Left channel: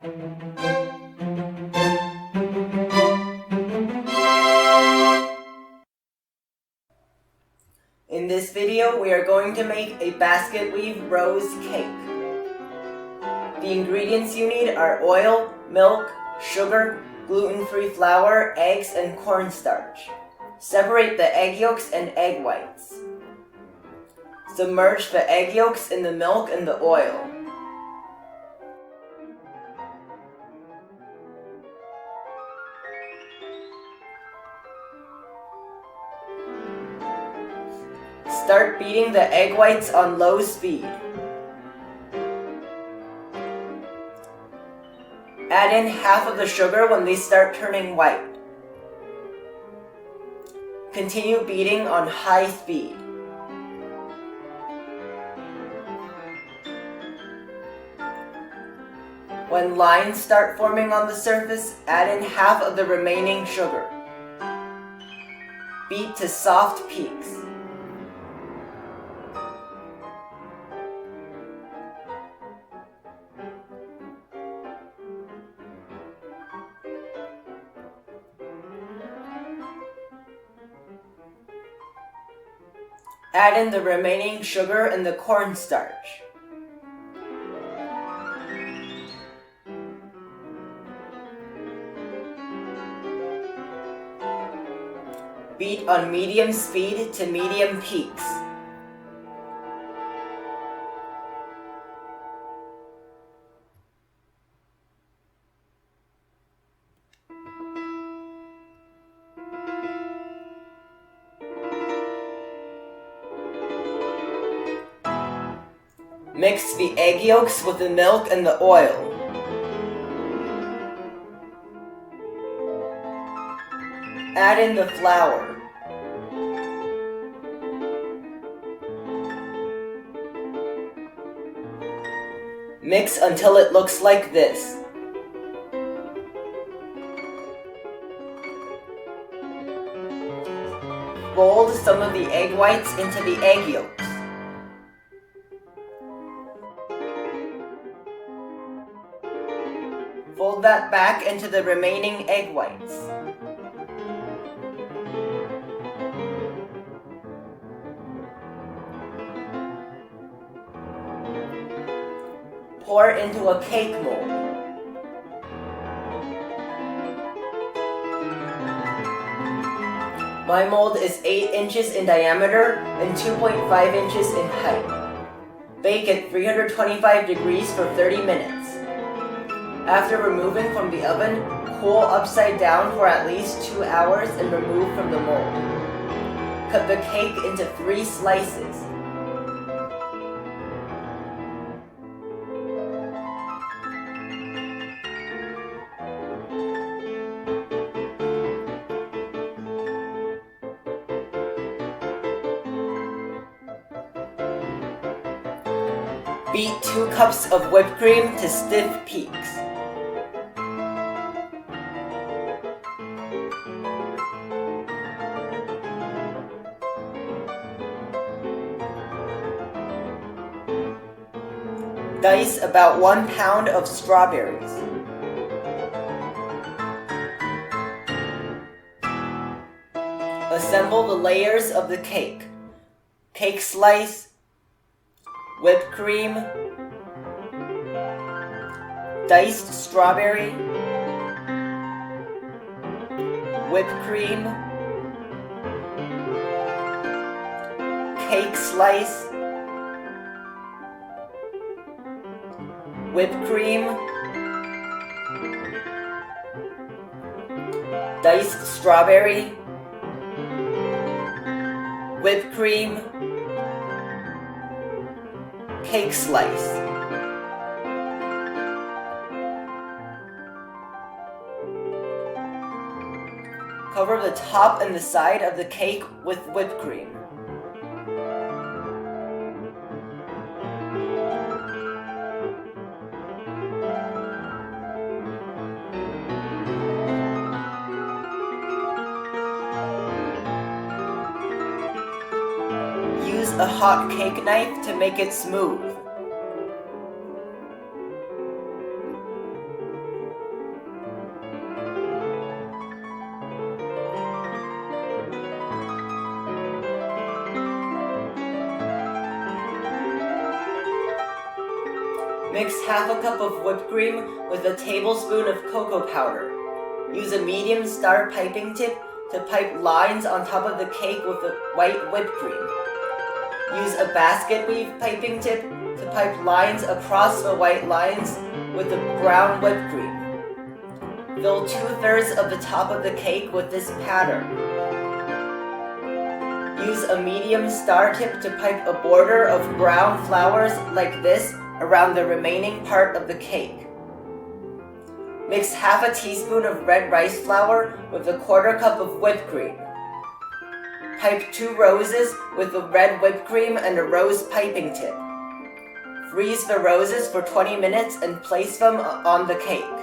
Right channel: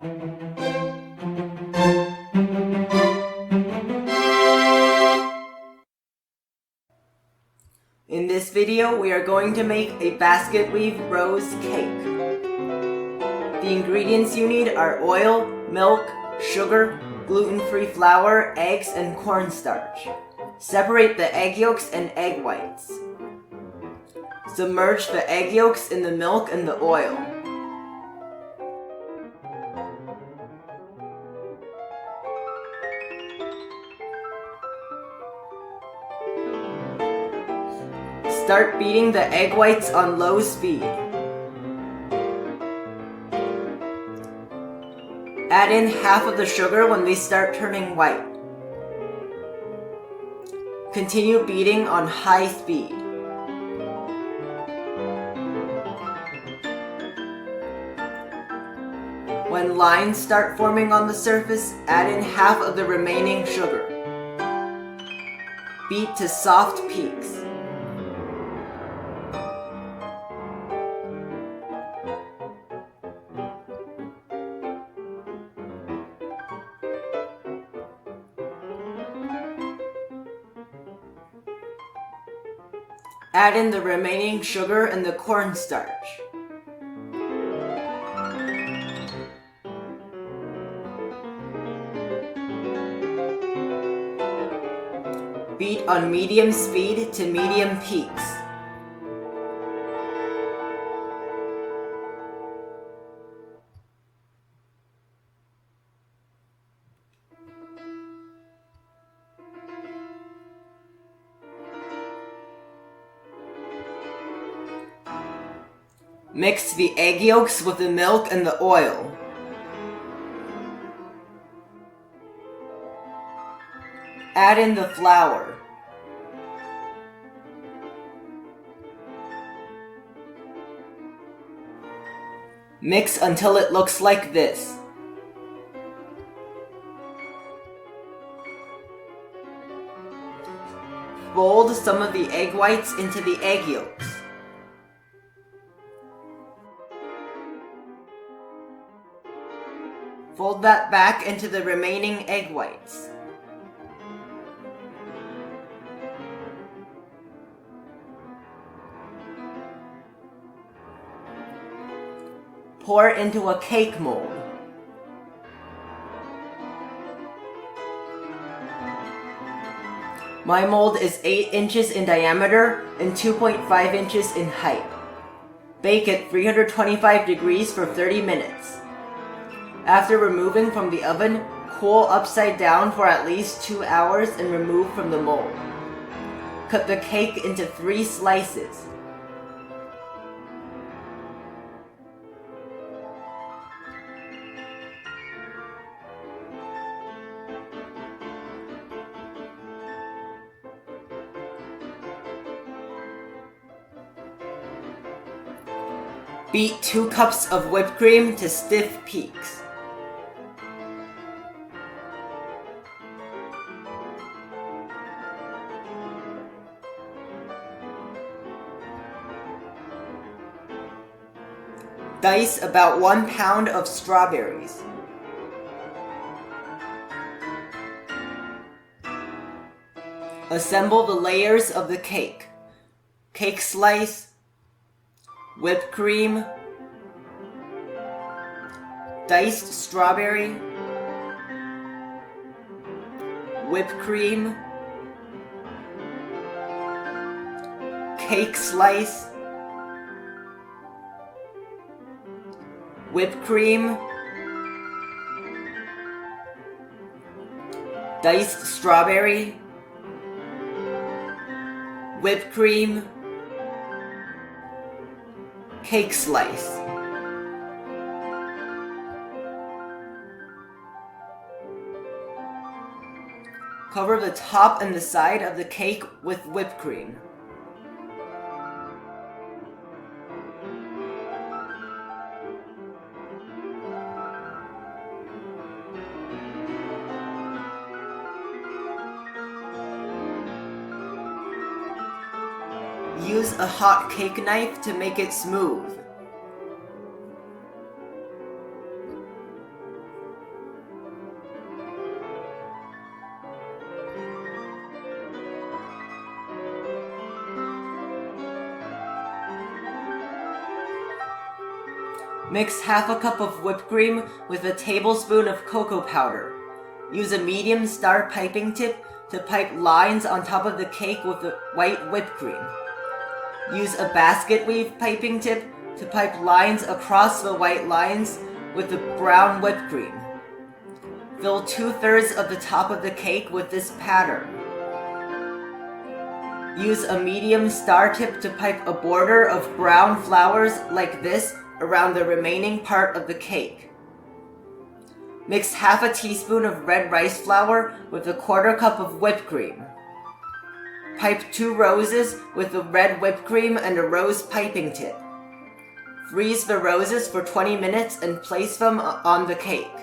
In this video, we are going to make a Basketweave Rose Cake. The ingredients you need are oil, milk, sugar, gluten-free flour, eggs, and cornstarch. Separate the egg yolks and egg whites. Submerge the egg yolks in the milk and the oil. Start beating the egg whites on low speed. Add in half of the sugar when they start turning white. Continue beating on high speed. When lines start forming on the surface, add in half of the remaining sugar. Beat to soft peaks. Add in the remaining sugar and the cornstarch. Beat on medium speed to medium peaks. Mix the egg yolks with the milk and the oil. Add in the flour. Mix until it looks like this. Fold some of the egg whites into the egg yolks. Fold that back into the remaining egg whites. Pour into a cake mold. My mold is 8 inches in diameter and 2.5 inches in height. Bake at 325 degrees for 30 minutes. After removing from the oven, cool upside down for at least 2 hours and remove from the mold. Cut the cake into 3 slices. Beat 2 cups of whipped cream to stiff peaks. Dice about 1 pound of strawberries. Assemble the layers of the cake. Cake slice, whipped cream, diced strawberry, whipped cream, cake slice, whipped cream, diced strawberry, whipped cream, cake slice. Cover the top and the side of the cake with whipped cream. Use a hot cake knife to make it smooth. Mix half a cup of whipped cream with a tablespoon of cocoa powder. Use a medium star piping tip to pipe lines on top of the cake with the white whipped cream. Use a Basketweave piping tip to pipe lines across the white lines with the brown whipped cream. Fill 2/3 of the top of the cake with this pattern. Use a medium star tip to pipe a border of brown flowers like this around the remaining part of the cake. Mix half a teaspoon of red rice flour with a 1/4 cup of whipped cream. Pipe 2 roses with the red whipped cream and a rose piping tip. Freeze the roses for 20 minutes and place them on the cake.